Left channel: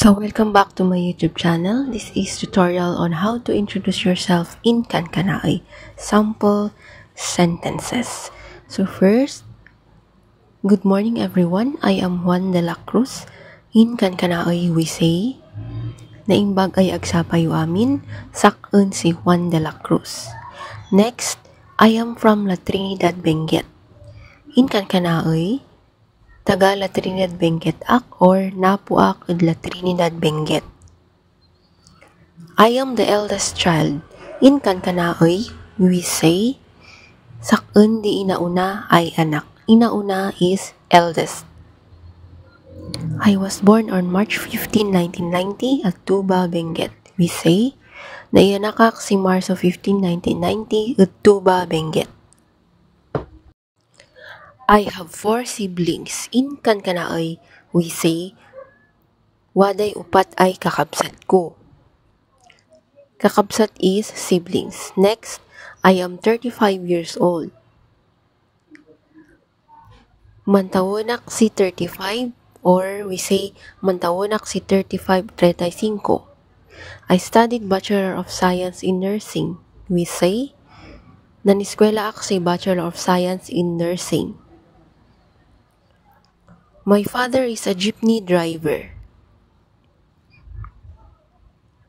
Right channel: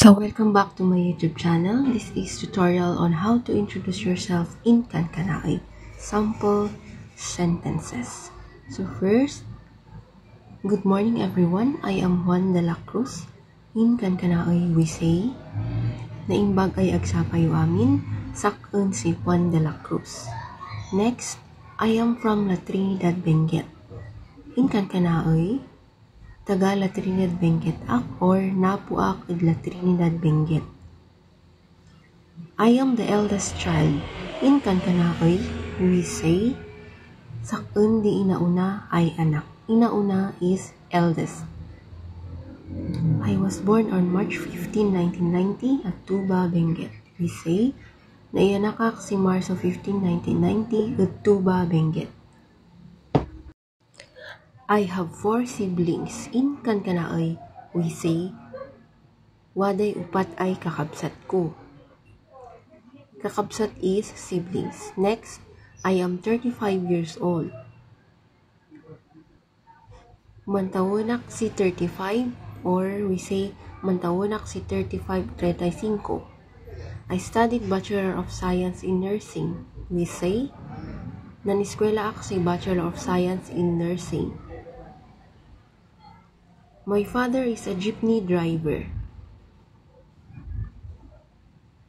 So welcome back to my YouTube channel. This is tutorial on how to introduce yourself in Kankanaey. Sample sentences. So first, good morning everyone. I am Juan de la Cruz. In Kankanaey we say, naimbag ay agsapayo amin, sakun si Juan de la Cruz. Next, I am from La Trinidad, Benguet. In Kankanaey, taga La Trinidad Benguet ak or napu ak ed La Trinidad Benguet. I am the eldest child. In Kankanaey, we say, sakun di inauna ay anak. Inauna is eldest. I was born on March 15, 1990 at Tuba, Benguet. We say, naianakak si Marso 15, 1990 at Tuba, Benguet. I have 4 siblings. In Kankanaey, we say, waday upat ay kakabsat ko. Kakabsat is siblings. Next, I am 35 years old. Mantawanak si 35 or we say mantawanak si 35, 35. I studied Bachelor of Science in Nursing. We say, naniskwela ak si Bachelor of Science in Nursing. My father is a jeepney driver.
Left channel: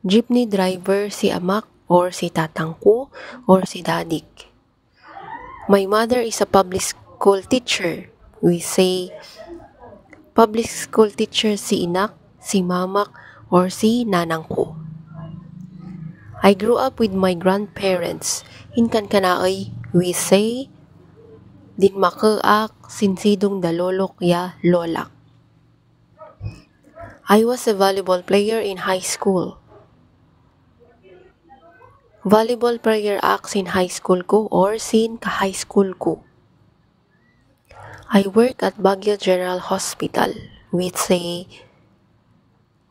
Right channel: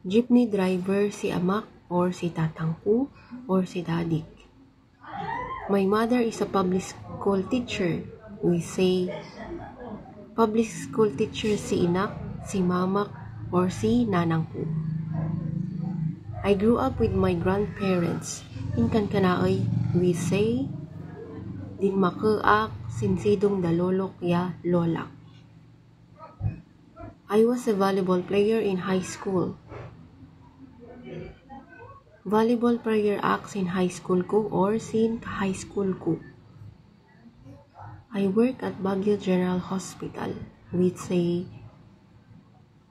Jeepney driver si amak or si tatang ko or si dadik. My mother is a public school teacher. We say, public school teacher si inak, si mamak, or si nanang ko. I grew up with my grandparents. In Kankanaey, we say, din makaak sinsidong dalolok ya lolak. I was a volleyball player in high school. Volleyball player ak sin high school ko or sin ka-high school ko. I work at Baguio General Hospital. We say,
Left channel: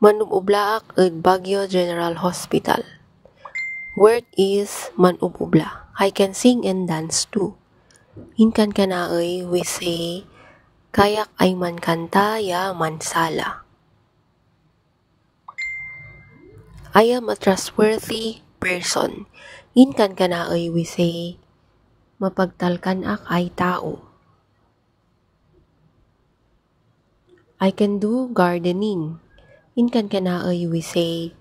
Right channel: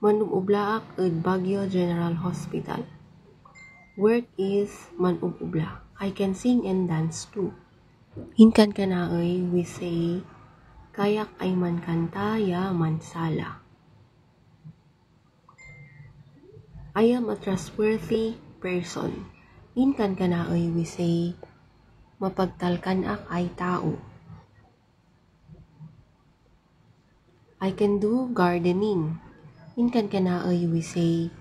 manububla ak at Baguio General Hospital. Work is manububla. I can sing and dance too. In Kankanaey, we say, kayak ay man kanta ya mansala. I am a trustworthy person. In Kankanaey, we say, mapagtalkan ak ay tao. I can do gardening. In Kankanaey, we say,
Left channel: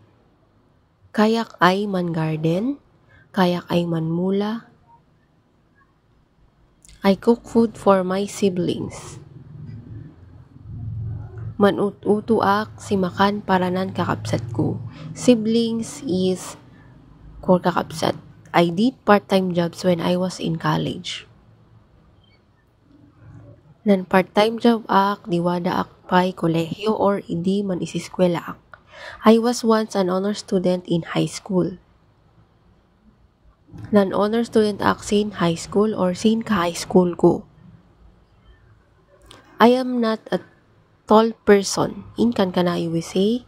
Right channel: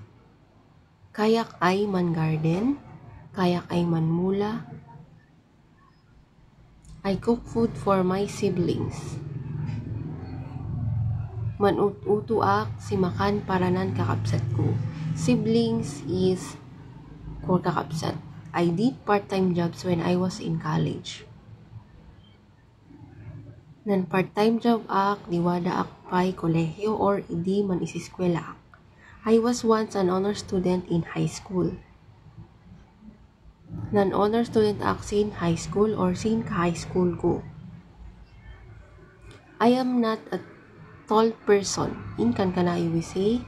kayak ay man garden, kayak ay man mula. I cook food for my siblings. Manut-uto ak si makan paranan kakabsat ko. Siblings is for kakabsat. I did part-time jobs when I was in college. Nan part-time job ak, diwada ak pay kolehiyo or idi man isiskwela ak. I was once an honor student in high school. Nan honor student ak sin high school or sin ka-high school ko. I am not a tall person. In Kankanaey, we say,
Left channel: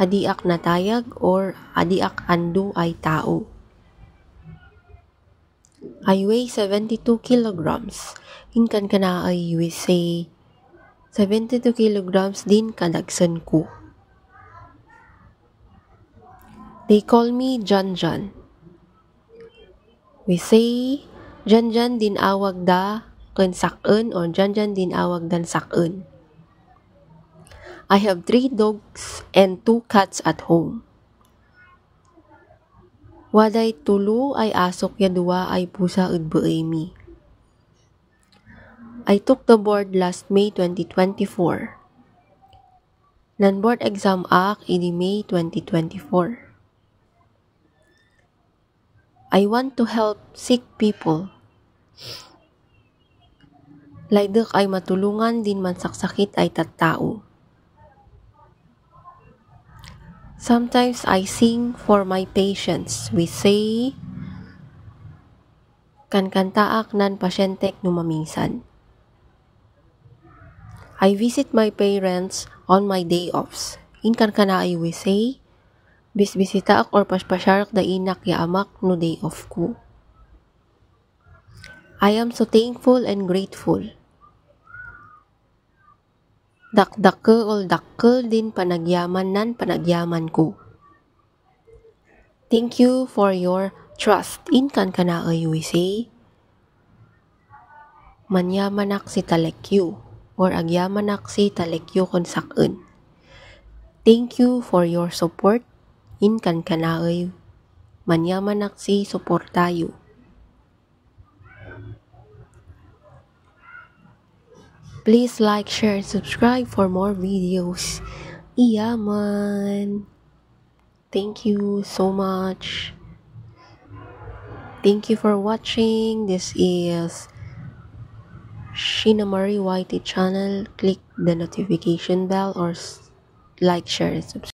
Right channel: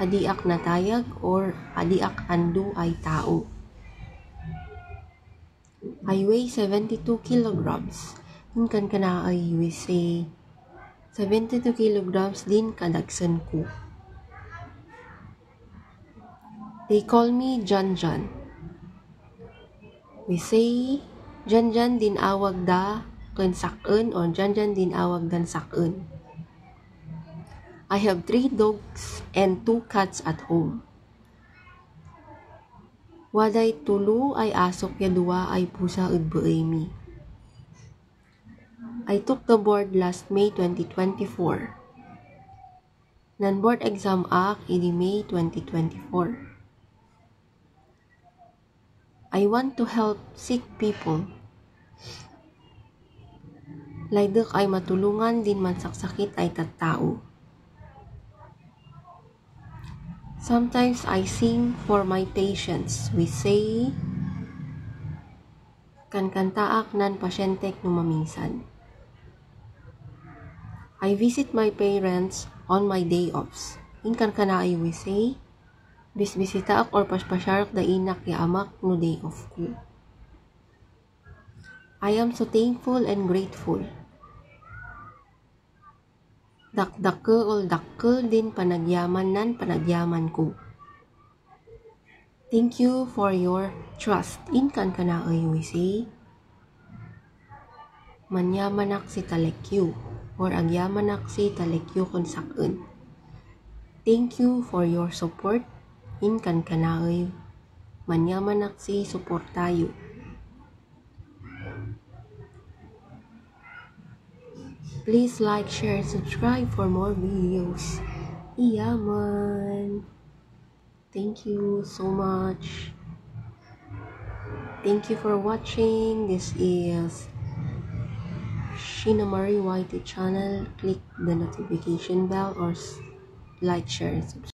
adiak natayag or adiak andu ay tao. I weigh 72 kilograms. In Kankanaey, we say, 72 kilograms din kadagsan ko. They call me Jan Jan. We say, Jan Jan din awag da ken sakun or Jan Jan din awag dan sakun. I have 3 dogs and 2 cats at home. Waday tulo ay asok ya dua ay pusa ed beemi. I took the board last May 2024. Nan board exam ak idi May 2024. I want to help sick people. Laydek ay matulungan din man saksakit ay tattao. Sometimes I sing for my patients. We say, kankantaak nan pasyente numaminsan. I visit my parents on my day offs. In Kankanaey, we say, bisbisita ak or paspasyarak da inak ya amak no day off ko. I am so thankful and grateful. Dakdakkel dakkel din panagyaman nan panagyaman ko. Thank you for your trust in Kankanaoy USA. Manyamanak si talekyu or agyamanak si talekyu kon sakun. Thank you for your support in Kankanaoy. Manyamanak si suportayo. Please like, share, and subscribe for more videos. Iyaman. Thank you so much. Thank you for watching. This is Sheena Marie YT channel. Click the notification bell or like, share, and subscribe.